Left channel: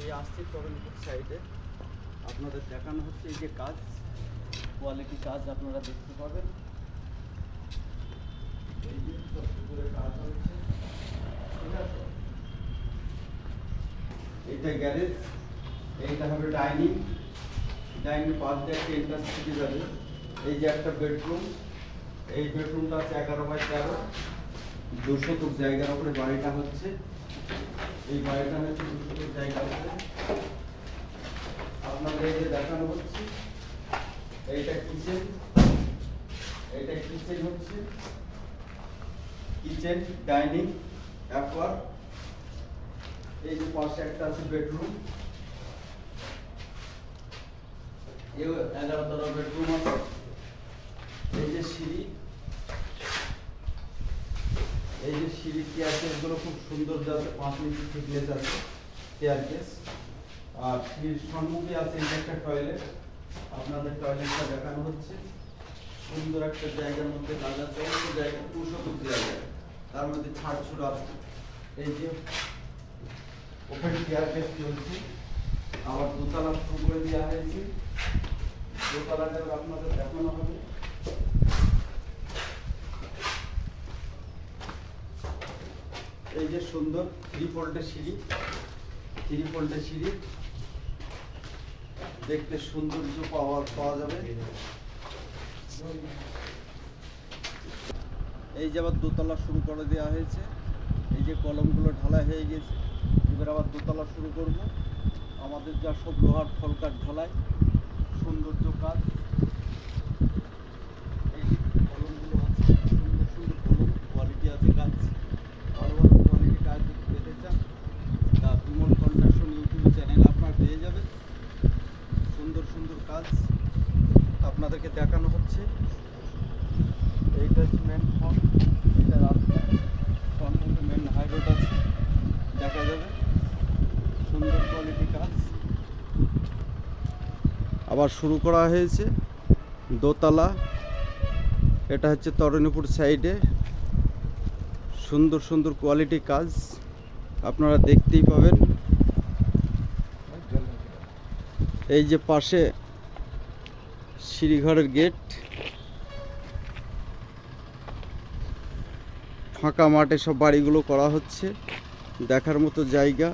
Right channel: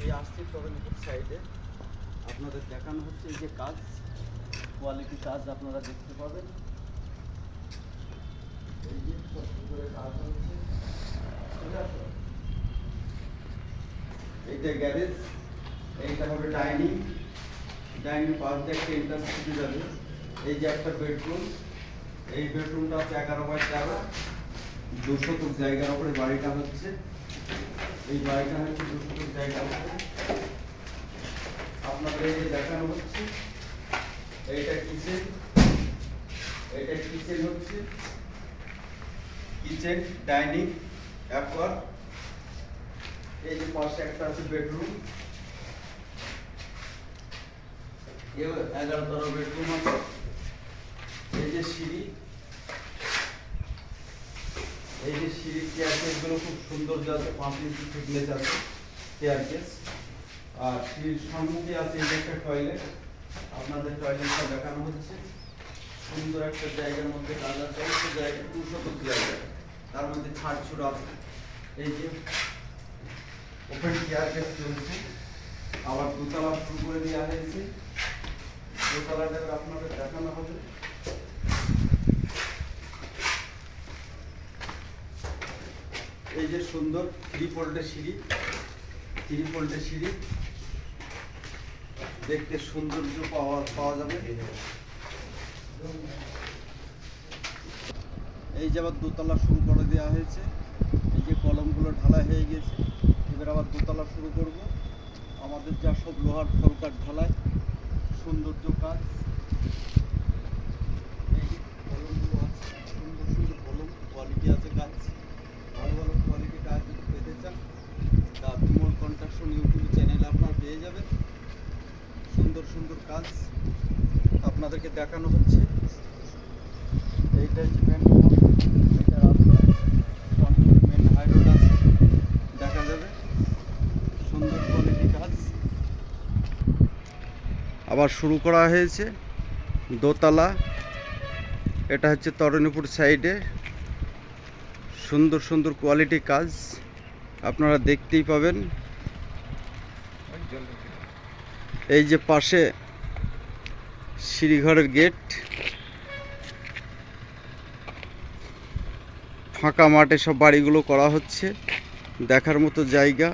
এই আসছে তরুণপুর সাইডে আপনাদের দেখানো হচ্ছে এই যে কাজ, কোয়ালিটি কাজ আপনারা দেখতে পাবেন। এই যে করে কাজ হচ্ছে, ঠিক আছে। এইটা গ্যারেজ, এইটা হবে ডাইনিং। ডাইনিং পাশ দিয়ে একটা ইন্ডাস্ট্রি যাবে। এই যে একটা বেডরুম, এই বেডরুমটা আছে 11x13, 200 ফুট জায়গার উপরে বাড়িটা হচ্ছে। এই বাড়িটা হচ্ছে 200 ফুট জায়গার উপরে আপনাদের এই যে দেখানো হচ্ছে। এইটা কিচেন, এইটা কিচেন হচ্ছে, কিচেন ডাইনিং অ্যাকোয়ার। এই যে পাশে একটা আছে বেডরুম, 11 বেডরুম আছে। এই যে সিঁড়ি, এই যে সিঁড়ি স্টেয়ারকেসগুলো খুব সুন্দর যাচ্ছে, 5 ইঞ্চি থিকনেস আছে স্টেয়ারকেস। আর সিঁড়ির সম্মুখে আছে এই যে একটা টয়লেট, আপনাদের টয়লেটটা দেখানো হচ্ছে। সুন্দর একটা জায়গার মধ্যে কাজ আছে, অল্প জায়গা, 200 ফুট জায়গা, তার মধ্যে ছাড় ছুড় আছে। এই যে ওপেন স্টেয়ারকেস চলছে, আবার দোতলা শুরু করে দেওয়া হয়েছে। দোতলাটা আপনাদের দেখানো হবে। এই যে সুন্দর 3 ফোল্ডের সিঁড়ি, 3 ফোল্ডের সিঁড়ি, দেখতে সৌন্দর্য পাওয়া যাবে। এই যে আবার দোতলা শুরু করে দেওয়া হয়েছে। এই যে কলমগুলো ঢালাই হয়ে গেছে, এবার আবার দোতলা শুরু করব। আমাদের যা সব লোহার ফলকার ঢালাই, সৌন্দর্য কাজ। এই যে কলমগুলো আছে, সুন্দর সুন্দর কলম, কোয়ালিটি আছে কাজ। ভালো ভালো কোয়ালিটি কাজ যদি পেতে চান, তা বিমল কন্ট্রাকশন ইউটিউব চ্যানেল আপনার পেয়ে যাবেন। সুন্দর সুন্দর কাজ আপনাদেরকে দেখানো হচ্ছে। এইটা হচ্ছে মেন রোড, এটা রাস্তা, রংপুর মেন হাই রোড আছে, দেখা যাবে। সুন্দর কোয়ালিটি কাজ আবার শুরু করা হয়েছে। দোতলা, এটা হচ্ছে তরুণীপুর সাইডে, সুন্দর সুন্দর কোয়ালিটি কাজ আপনারা দেখতেই পাবেন। এই যে পাশে সিঁড়িঘরের গেট, ফাঁকা মাঠে সব বাড়িগুলো করা হচ্ছে, দেখার মতো জায়গা।